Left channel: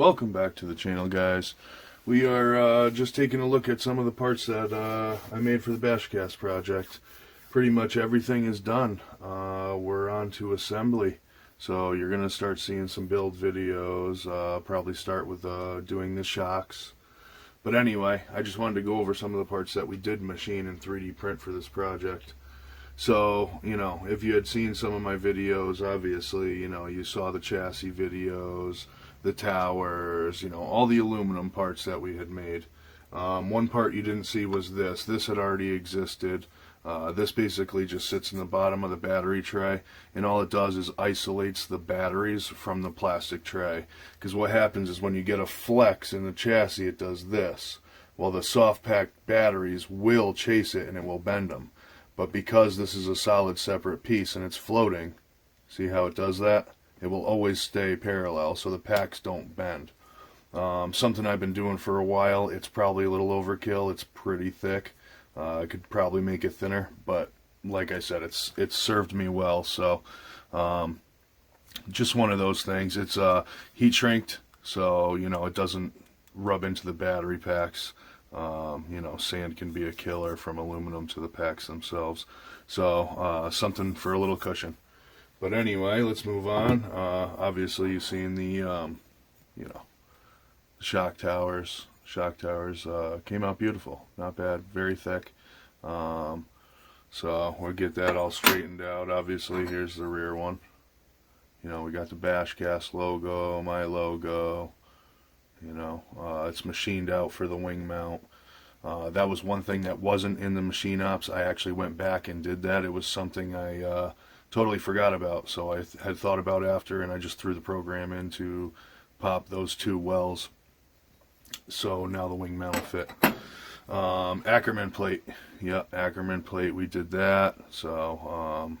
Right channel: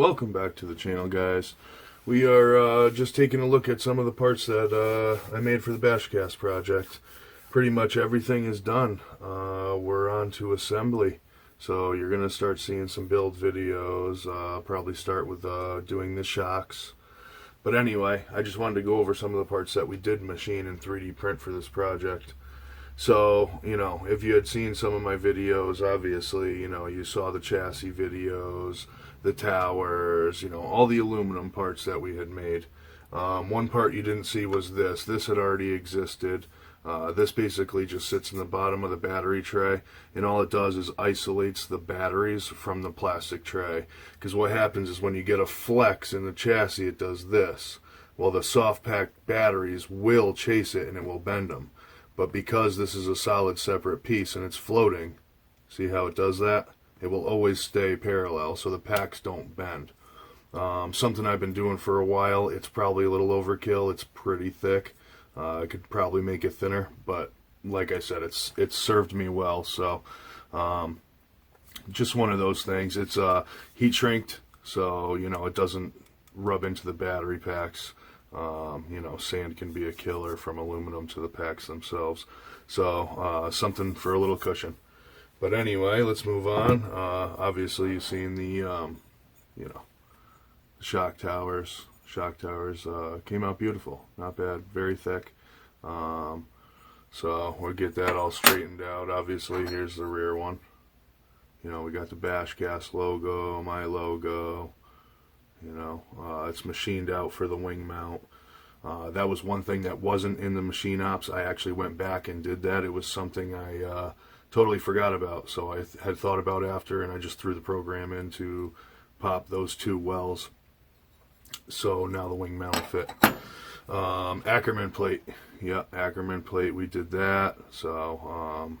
Welcome back to the channel, guys. We are just taking a look at some of the parts that I made for the Bashcast project. Pretty much everything is done. We're on to assembly. So you're going to start seeing some build videos. Probably start with doing the shocks. But anyway, I just wanted to go over some of the parts that we did machine and 3D print for this project. So, if you had seen some of my videos, obviously, you saw the chassis videos, the towers, all the aluminum parts that we had made. One part you didn't see was this. This had already existed. This basically just sits in the bottom of the battery tray, and all it does is isolates the batteries from the plastic tray. Because what happens is when you get a flex in the chassis, it does this. Well, the soft packed batteries will chase it and it will bend them. But because this is a solid separate piece and it's floating, see how it does that? It will always stay parallel so the packs don't bend. Something I've been doing for a while. It's probably a little overkill. It's pretty thick. I could probably make it thinner, but like I said, it's served me well. So just one of those things. It's heat shrinked, so it doesn't rub into the battery packs. Sand can be a killer from aluminum to the packs themselves. So something for a little cushion. But anyway, let's move on. Obviously, you've seen the shock towers. Shock towers came out beautiful. Not bad. Very thick. So we'll get that all straightened out. Obviously, here's the rear one. We got the Bashcast logo, my logo. It's machined out for the wing mount. That was one thing that wasn't in the machine ops. I actually went back and did that. It was something I totally forgot about. So I had thought about after, and I just threw the program in to pop those two wells. So now the wing mount will fit. Arrma plate. Yeah, Arrma plate. We did that. So,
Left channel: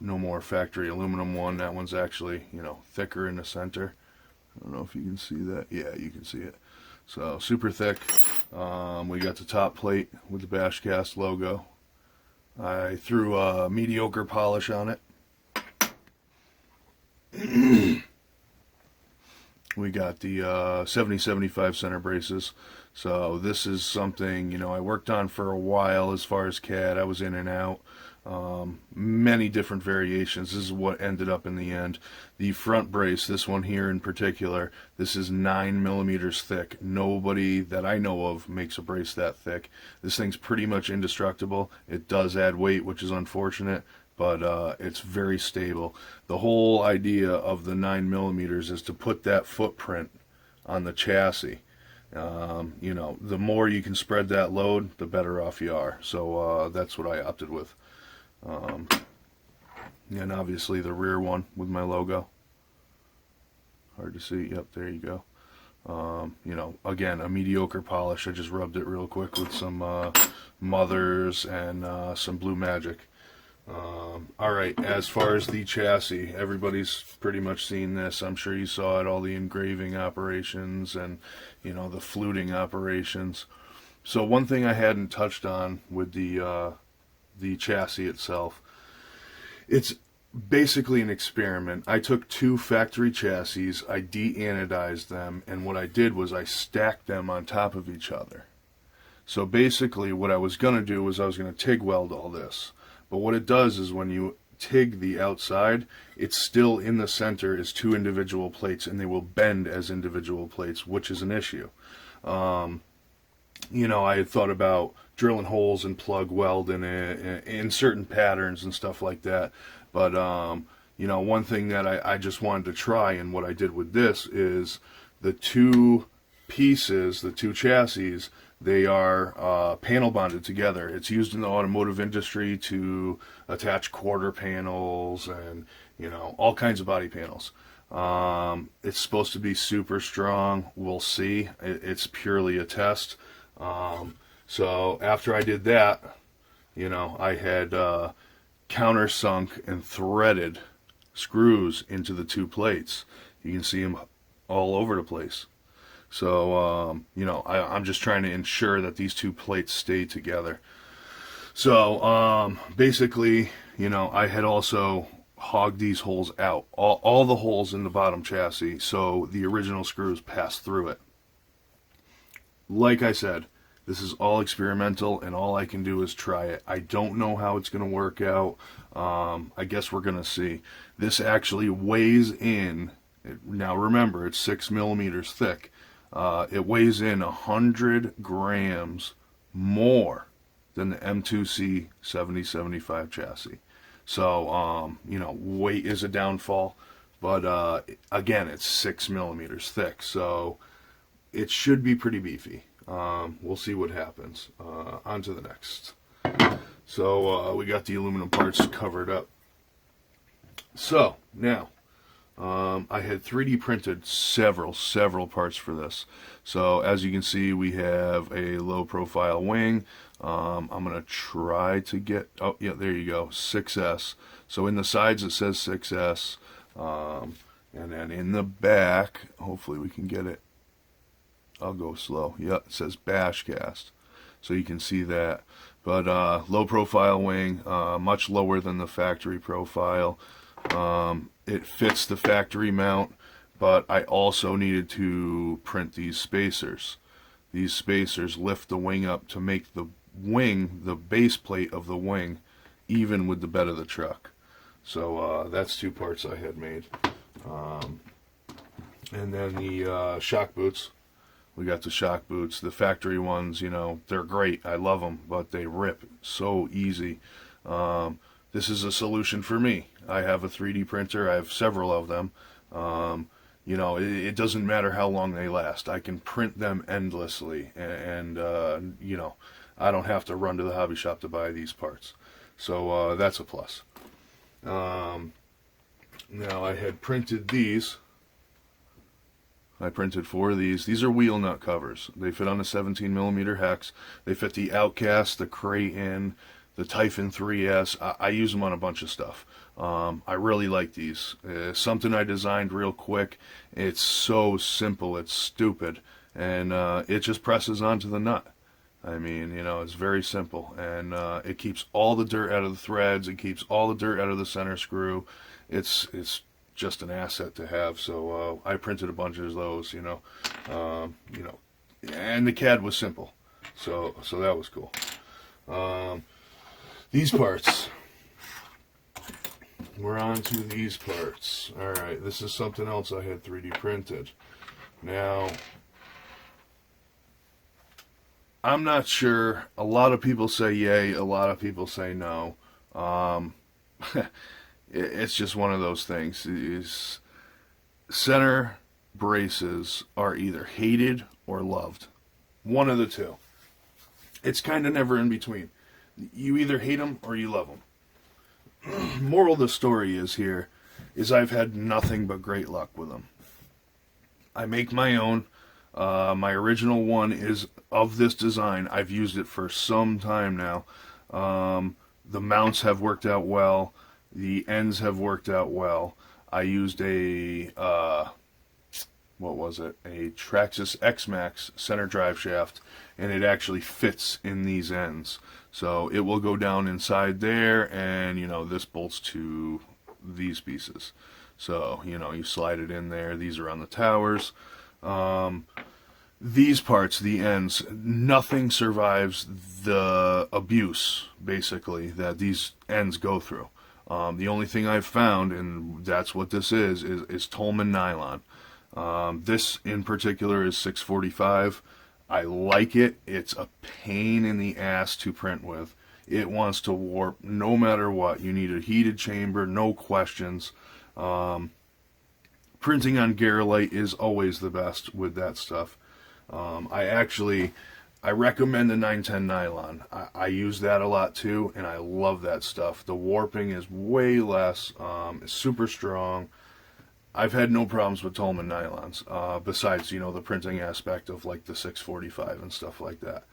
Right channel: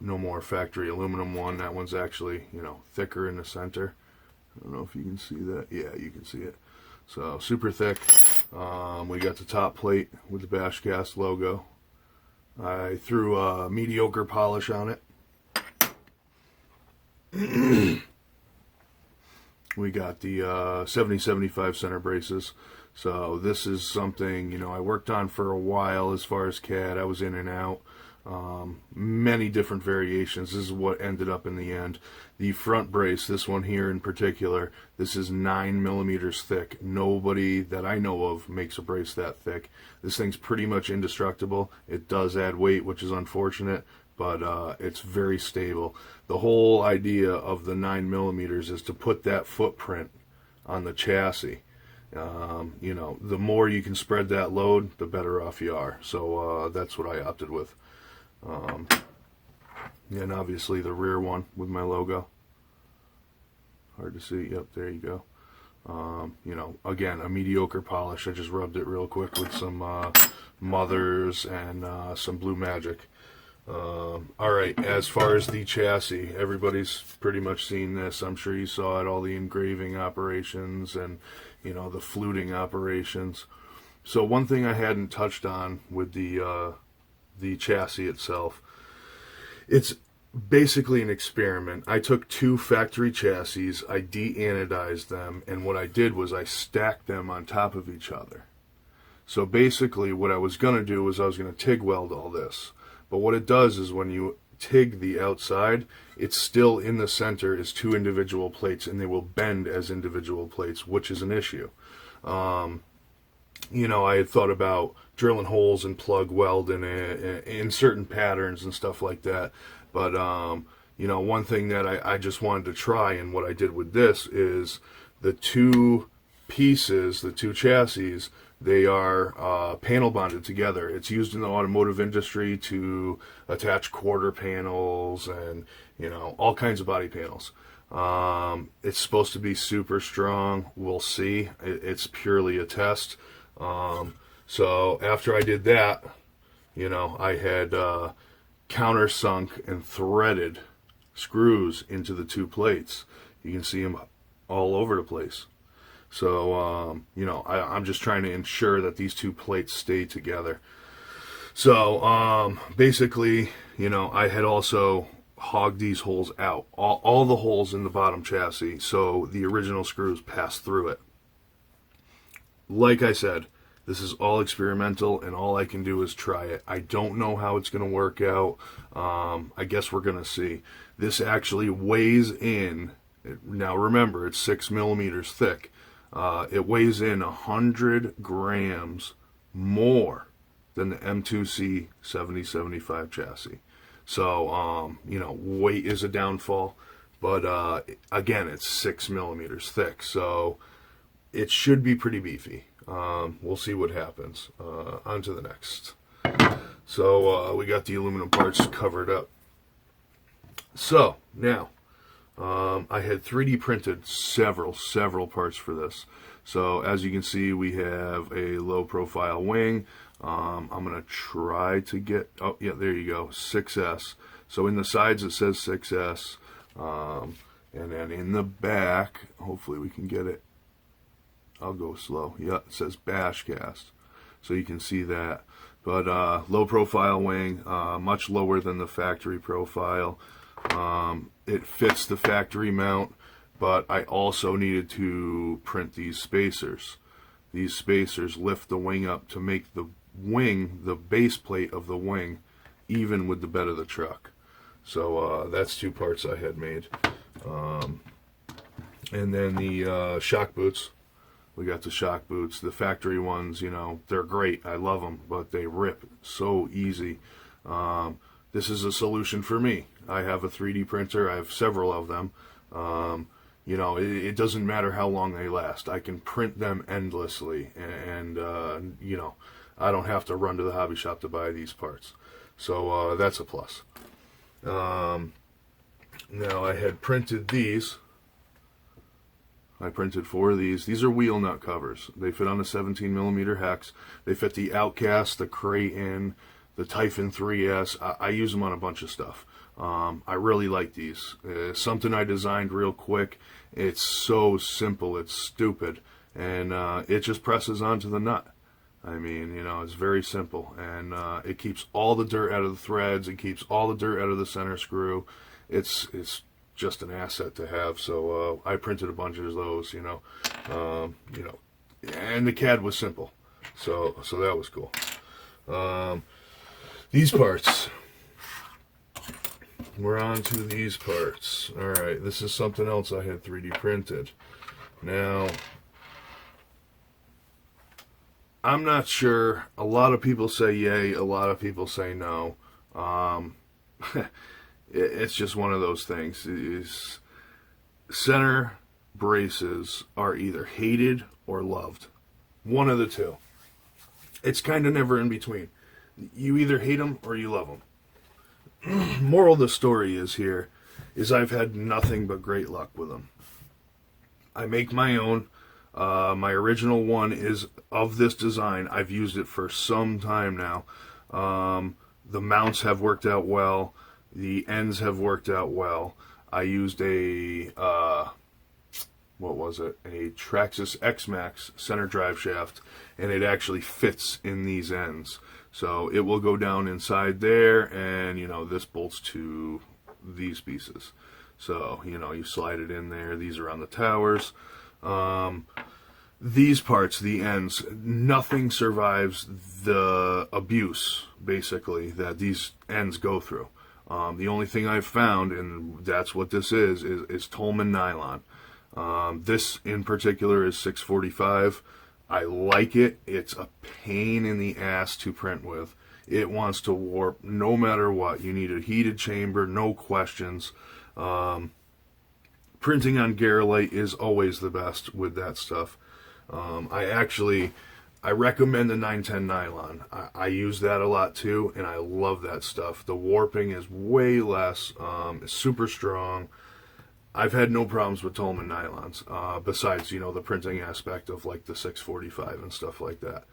no more factory aluminum one. That one's actually, thicker in the center. I don't know if you can see that. Yeah, you can see it. So super thick. We got the top plate with the Bashcast logo. I threw a mediocre polish on it. We got the 70-75 center braces. So this is something, I worked on for a while as far as CAD. I was in and out. Many different variations. This is what ended up in the end. The front brace, this one here in particular, this is 9 millimeters thick. Nobody that I know of makes a brace that thick. This thing's pretty much indestructible. It does add weight, which is unfortunate, but it's very stable. The whole idea of the 9 millimeters is to put that footprint on the chassis. The more you can spread that load, the better off you are. So that's what I opted with. And obviously the rear one with my logo. Hard to see. Yep, there you go. Again, a mediocre polish. I just rubbed it real quick with some Mothers and some Blue Magic. Alright, as far as the chassis, everybody's pretty much seen this. I'm sure you saw it, all the engraving operations and, the fluting operations. So one thing I hadn't touched on with the chassis itself, it's basically an experiment. I took two factory chassis, I de-anodized them, and what I did was I stacked them on top of each other. So basically what I was going to do was I was going to TIG weld all this. But what it does is when you TIG the outside, it's still in the center is two individual plates, and they will bend as individual plates, which is an issue. I had thought about drilling holes and plug welding in certain patterns and stuff like that. But, one thing that I just wanted to try, and what I did with this is the two pieces, the two chassis, they are panel bonded together. It's used in the automotive industry to attach quarter panels and, all kinds of body panels. It's supposed to be super strong. We'll see. It's purely a test. So after I did that, I had countersunk and threaded screws into the two plates. You can see them all over the place. So, I'm just trying to ensure that these two plates stay together. So, basically, I had also hog these holes out, all the holes in the bottom chassis, so the original screws pass through it. Like I said, this is all experimental, and all I can do is try it. I don't know how it's going to work out. I guess we're going to see. This actually weighs in. Now remember, it's 6 millimeters thick. It weighs in 100 grams more than the M2C 7075 chassis. So, weight is a downfall. But again, it's 6 millimeters thick. So it should be pretty beefy. We'll see what happens. On to the next. So we got the aluminum parts covered up. So now I had 3D printed several parts for this. So as you can see, we have a low profile wing. I'm going to try to get, oh yeah, there you go, 6S. So in the sides it says 6S. And then in the back, hopefully we can get it. I'll go slow. Yeah, it says Bashcast. So you can see that. But low profile wing, much lower than the factory profile. It fits the factory mount, but I also needed to print these spacers. These spacers lift the wing up to make the wing, the base plate of the wing, even with the bed of the truck. So that's 2 parts I had made. And then the shock boots. We got the shock boots. The factory ones, they're great. I love them, but they rip so easy. This is a solution for me. I have a 3D printer. I have several of them. It doesn't matter how long they last. I can print them endlessly, and I don't have to run to the hobby shop to buy these parts. So that's a plus. Now I had printed these. I printed 4 of these. These are wheel nut covers. They fit on a 17 millimeter hex. They fit the Outcast, the Creighton, the Typhon 3S. I use them on a bunch of stuff. I really like these. Something I designed real quick. It's so simple. It's stupid. And it just presses onto the nut. I mean, it's very simple. And it keeps all the dirt out of the threads. It keeps all the dirt out of the center screw. It's just an asset to have. So I printed a bunch of those, and the CAD was simple. So that was cool. These parts. We're on to these parts. All right, this is something else I had 3D printed. Now, I'm not sure. A lot of people say yay, a lot of people say no. It's just one of those things. Center braces are either hated or loved. One of the two. It's kind of never in between. You either hate them or you love them. Moral of the story is I've had nothing but great luck with them. I make my own. My original one is of this design. I've used it for some time now. The mounts have worked out well. The ends have worked out well. I used a Traxxas X-Max center drive shaft, and it actually fits in these ends. So it will go down inside there, and this bolts to these pieces. So you slide it in there. These are on the towers. These parts, the ends, nothing survives the abuse, basically, that these ends go through. The only thing I've found, and that's what this is Tolman nylon. This in particular is 645. I like it. It's a pain in the ass to print with. It wants to warp no matter what. You need a heated chamber, no questions. Printing on Garolite is always the best with that stuff. I recommend the 910 nylon. I use that a lot too, and I love that stuff. The warping is way less. It's super strong. I've had no problems with Tolman nylons, besides, the printing aspect of like the 645 and stuff like that.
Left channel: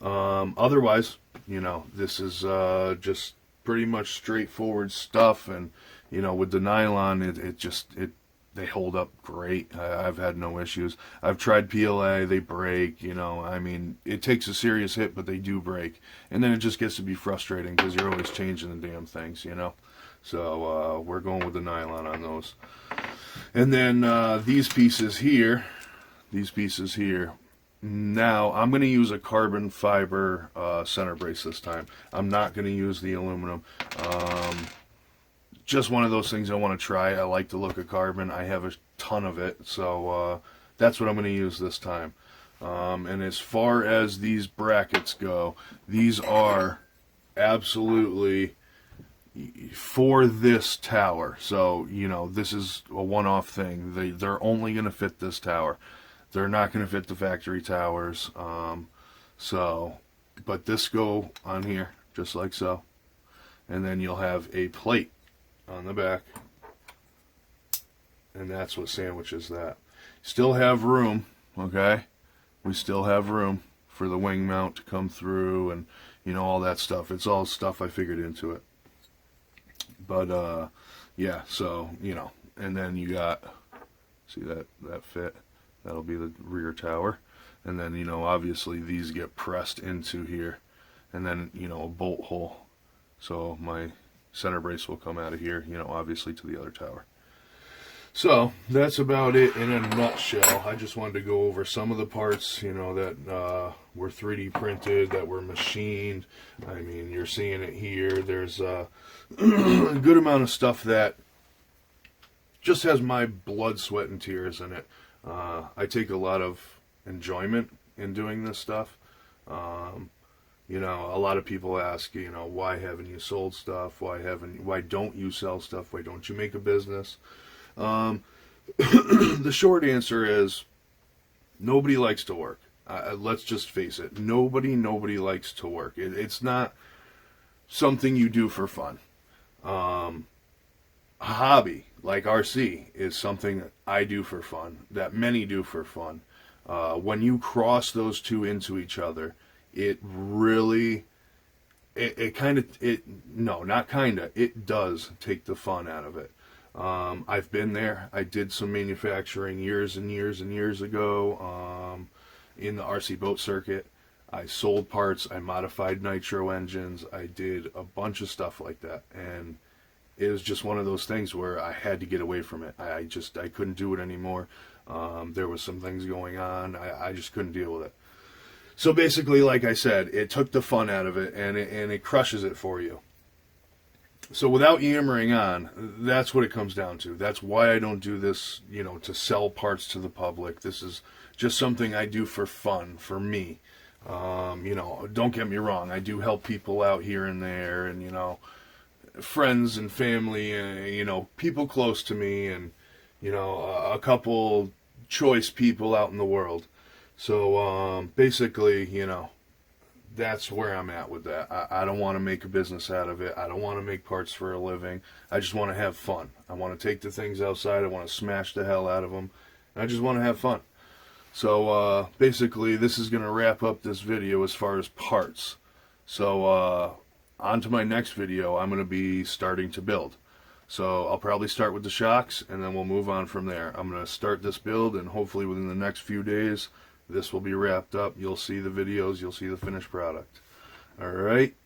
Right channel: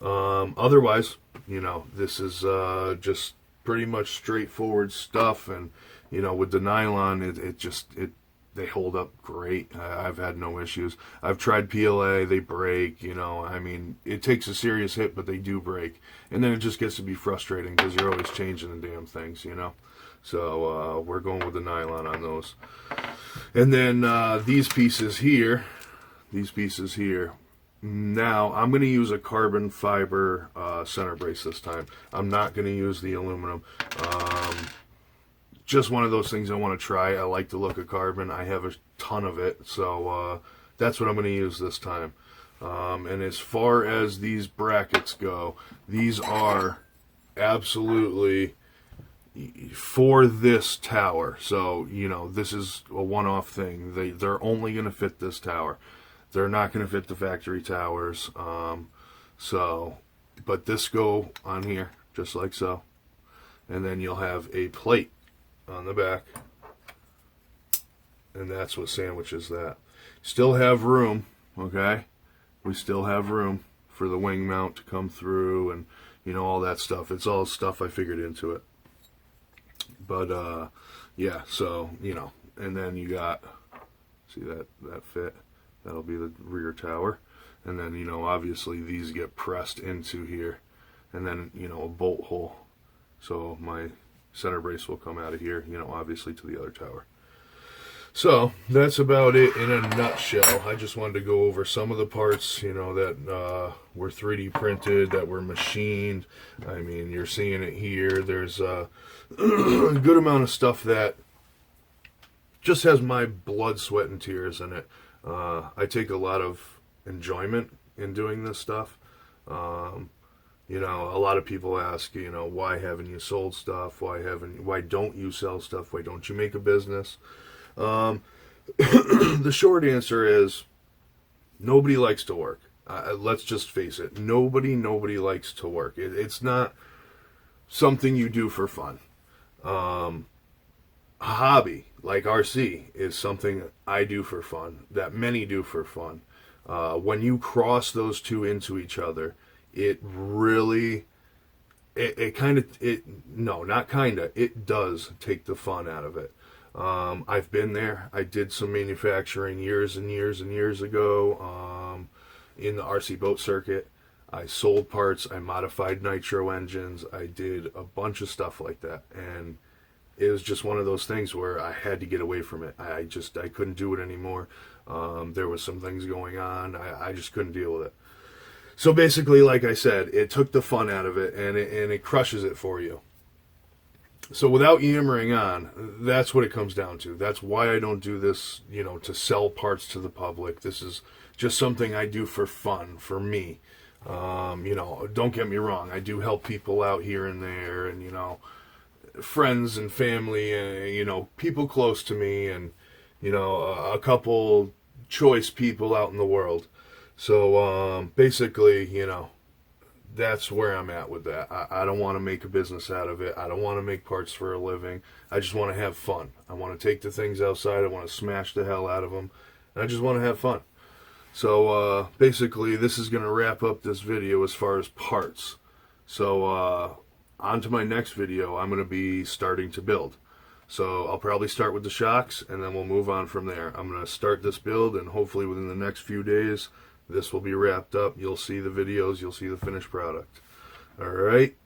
Otherwise, this is just pretty much straightforward stuff, and, with the nylon, they hold up great. I've had no issues. I've tried PLA, they break, it takes a serious hit, but they do break. And then it just gets to be frustrating because you're always changing the damn things, So we're going with the nylon on those. And then these pieces here, now I'm going to use a carbon fiber center brace this time. I'm not going to use the aluminum. Just one of those things I want to try. I like the look of carbon. I have a ton of it, so that's what I'm going to use this time. And as far as these brackets go, these are absolutely for this tower. So, you know, this is a one-off thing. They're only going to fit this tower. They're not going to fit the factory towers. But this go on here, just like so. And then you'll have a plate on the back. And that's what sandwiches that. Still have room, okay? We still have room for the wing mount to come through and, you know, all that stuff. It's all stuff I figured into it. But, yeah, so, you know, and then you got, see that fit? That'll be the rear tower. And then, you know, obviously these get pressed into here. And then, you know, a bolt hole. So my center brace will come out of here, you know, obviously to the other tower. So that's about it in a nutshell. I just wanted to go over some of the parts, you know, that were 3D printed, that were machined. I mean, you're seeing it here. There's a good amount of stuff that just has my blood, sweat, and tears in it. I take a lot of enjoyment in doing this stuff. You know, a lot of people ask, you know, why haven't you sold stuff? Why don't you sell stuff? Why don't you make a business? The short answer is nobody likes to work. Let's just face it. Nobody likes to work. It's not something you do for fun. A hobby like RC is something that I do for fun, that many do for fun. When you cross those two into each other, it really, it does take the fun out of it. I've been there. I did some manufacturing years and years and years ago in the RC boat circuit. I sold parts. I modified nitro engines. I did a bunch of stuff like that. And it was just one of those things where I had to get away from it. I couldn't do it anymore. There was some things going on. I just couldn't deal with it. So basically, like I said, it took the fun out of it, and it crushes it for you. So without yammering on, that's what it comes down to. That's why I don't do this, you know, to sell parts to the public. This is just something I do for fun, for me. You know, don't get me wrong. I do help people out here and there, and, you know, friends and family, you know, people close to me, and, you know, a couple choice people out in the world. So basically, you know, that's where I'm at with that. I don't want to make a business out of it. I don't want to make parts for a living. I just want to have fun. I want to take the things outside. I want to smash the hell out of them. And I just want to have fun. So basically, this is going to wrap up this video as far as parts. So on to my next video, I'm going to be starting to build. So I'll probably start with the shocks, and then we'll move on from there. I'm going to start this build, and hopefully within the next few days, this will be wrapped up. You'll see the videos. You'll see the finished product. All right.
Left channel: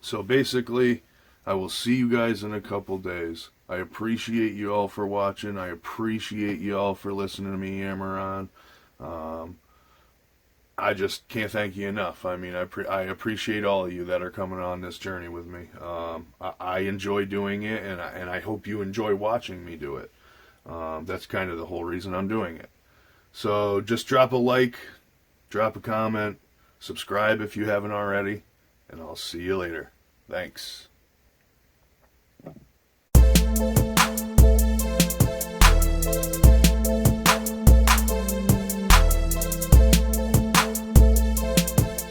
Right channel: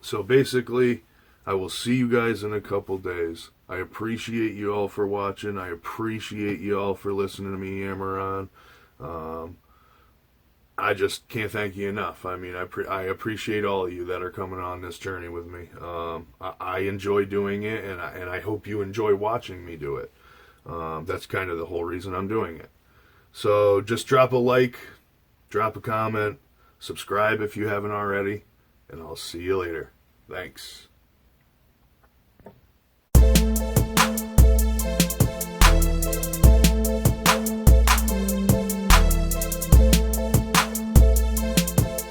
So basically, I will see you guys in a couple days. I appreciate you all for watching. I appreciate you all for listening to me yammer on. I just can't thank you enough. I mean, I appreciate all of you that are coming on this journey with me. I enjoy doing it, and I hope you enjoy watching me do it. That's kind of the whole reason I'm doing it. So just drop a like, drop a comment, subscribe if you haven't already, and I'll see you later. Thanks.